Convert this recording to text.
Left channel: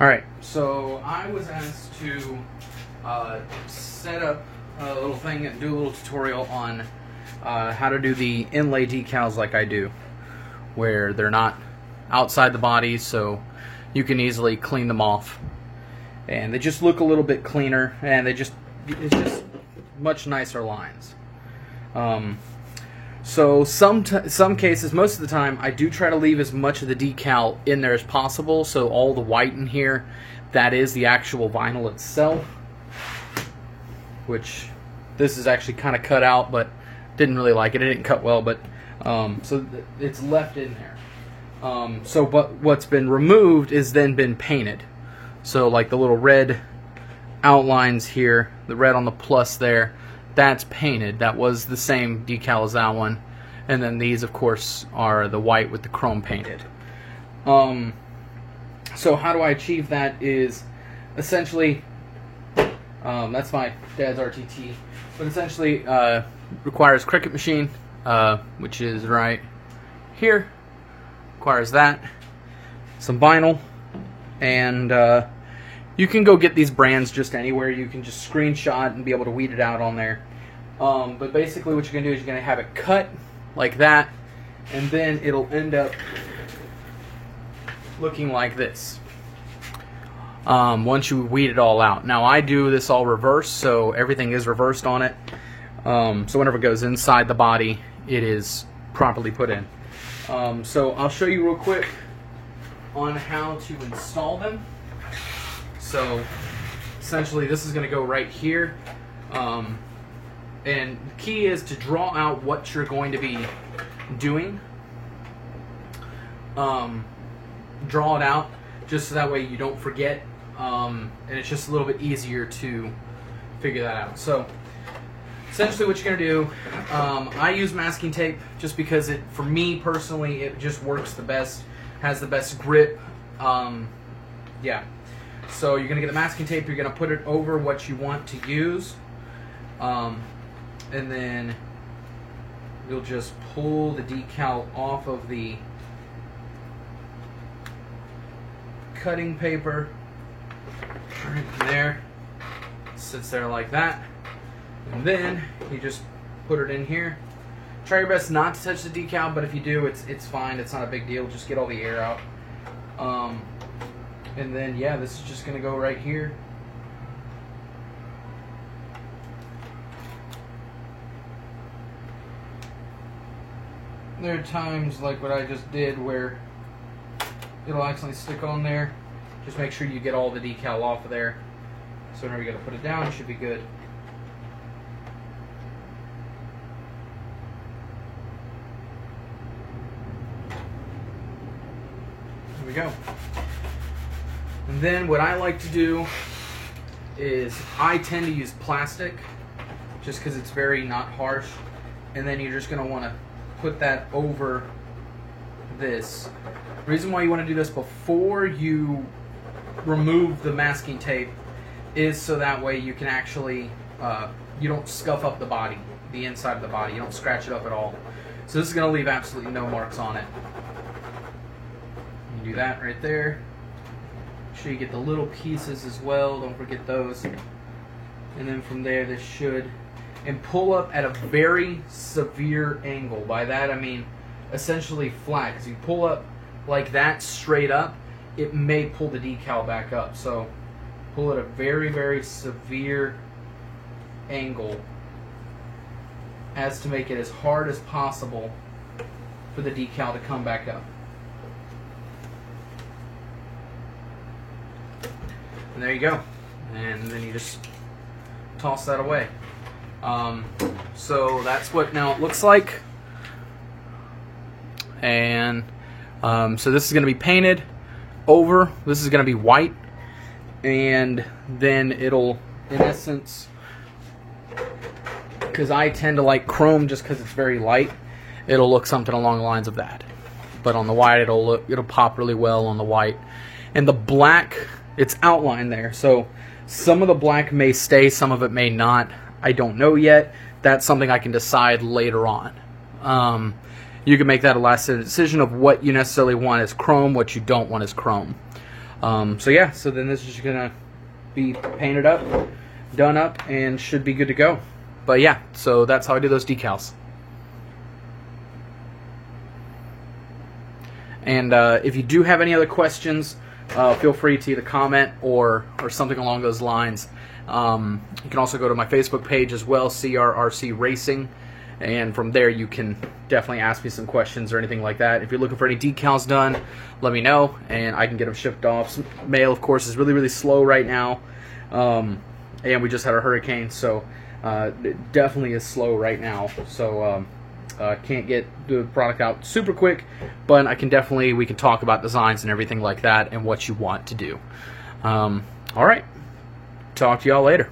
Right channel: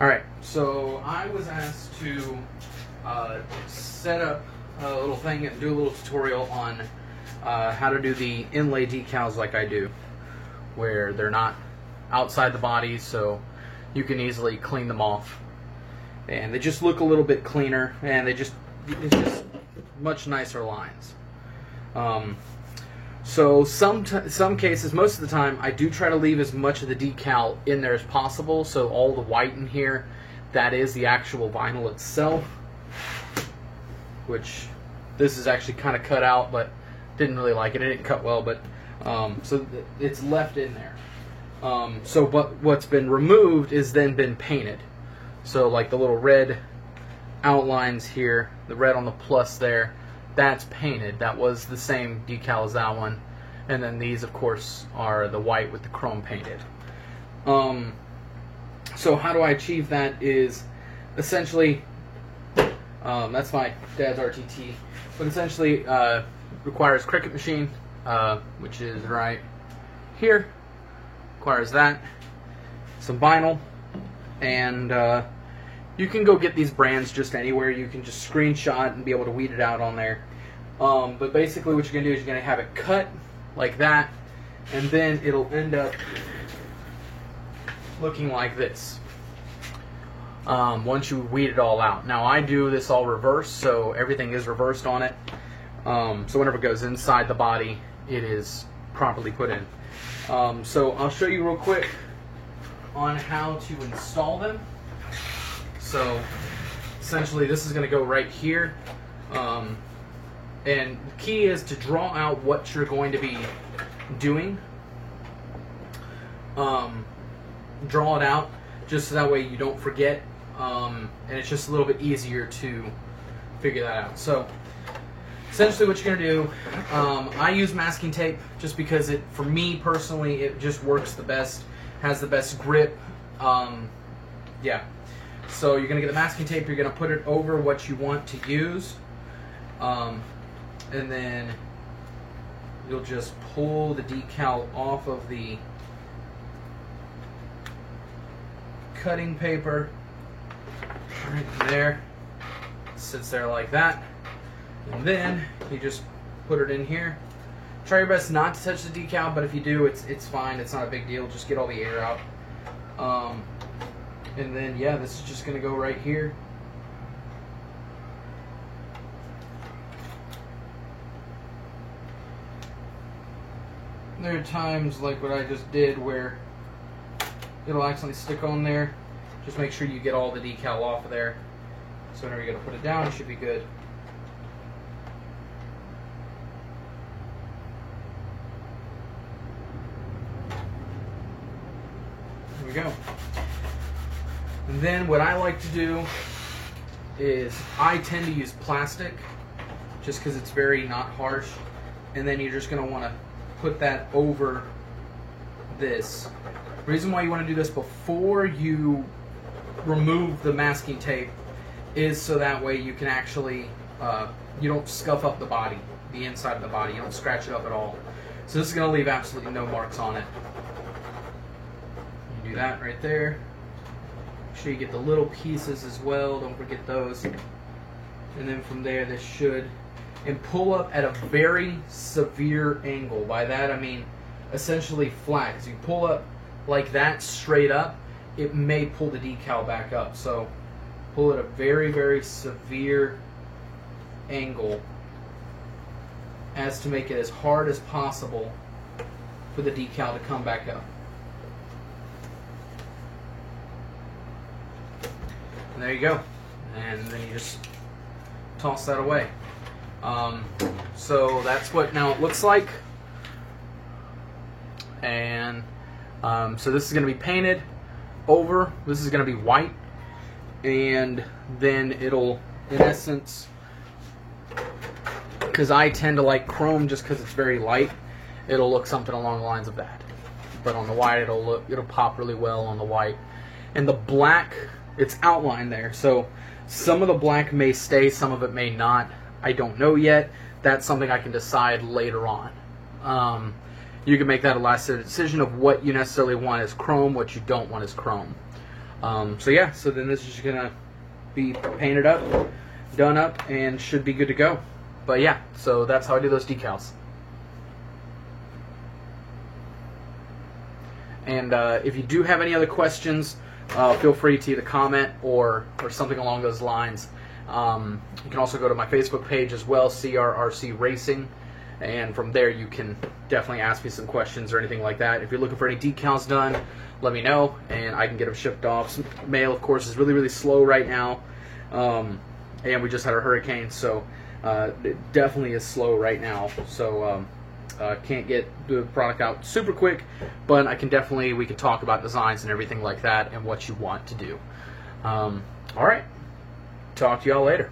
Alright, so I was asked to set up a little thing and do a little tutorial on how to do the inlay decals like I do, where they're not outside the body, so you can easily clean them off. And they just look a little bit cleaner, and it's just much nicer lines. So some cases, most of the time, I do try to leave as much of the decal in there as possible. So all the white in here, that is the actual vinyl itself, which this is actually kind of cut out, but didn't really like it. It didn't cut well, but so it's left in there. But what's been removed is then been painted. So like the little red outlines here, the red on the plus there, that's painted. That was the same decal as that one. And then these, of course, are the white with the chrome painted. So how do I achieve that is essentially, that's my dad's RTT, but essentially requires Cricut machine, which is right here. Requires that, some vinyl, and you can go get these brands just anywhere. You can just screenshot and be able to weed it out on there. But basically what you're going to do is you're going to have it cut like that, and then it'll end up looking like this once you weed it all out. Now I do this all reverse, so everything is reversed on it. So whenever it goes inside the body, it is properly put in. So I'll show you real quick on how to install them. So essentially this is going to go right here, and the key is to draw out what you're going to be doing. Draw it out just so that way you don't forget, and it's just a little bit easier to figure that out. So essentially what you're going to do, I use masking tape just because for me personally, it just works the best, has the best grip. Yeah. So you're going to get a masking tape, you're going to put it over what you want to use, and then you'll just pull the decal off of the cutting paper right there. It sits there like that, and then you just put it in here. Try your best not to touch the decal, but if you do, it's fine. It's not a big deal. Just get all the air out. And then, yeah, this is just going to go right here. There are times like what I just did where it'll accidentally stick on there. Just make sure you get all the decal off of there. So whenever you go to put it down, it should be good. There we go. And then what I like to do is I tend to use plastic just because it's very not harsh. And then you're just going to want to put that over this. The reason why you want to do this before you remove the masking tape is so that way you can actually, you don't scuff up the body, the inside of the body. You don't scratch it up at all. So this is going to leave absolutely no marks on it. You do that right there. Make sure you get the little pieces as well. Don't forget those. And then from there, this should, and pull up at a very severe angle. By that I mean essentially flat. Because you pull up like that straight up, it may pull the decal back up. So pull at a very, very severe angle as to make it as hard as possible for the decal to come back up. And there you go. And then you just toss that away. So that's what now it looks like. And so this is going to be painted over. This is going to be white. And then it'll, in essence, because I tend to like chrome just because it's very light, it'll look something along the lines of that. But on the white, it'll pop really well on the white. And the black, it's outlined there. So some of the black may stay, some of it may not. I don't know yet. That's something I can decide later on. You can make that a last decision of what you necessarily want as chrome, what you don't want as chrome. So yeah, so then this is just gonna be painted up, done up, and should be good to go. But yeah, so that's how I do those decals. And if you do have any other questions, feel free to either comment or something along those lines. You can also go to my Facebook page as well, CRRC Racing, and from there you can definitely ask me some questions or anything like that. If you're looking for any decals done, let me know, and I can get them shipped off. Mail, of course, is really, really slow right now, and we just had a hurricane, so it definitely is slow right now. So can't get the product out super quick, but I can definitely, we can talk about designs and everything like that and what you want to do. All right, talk to y'all later.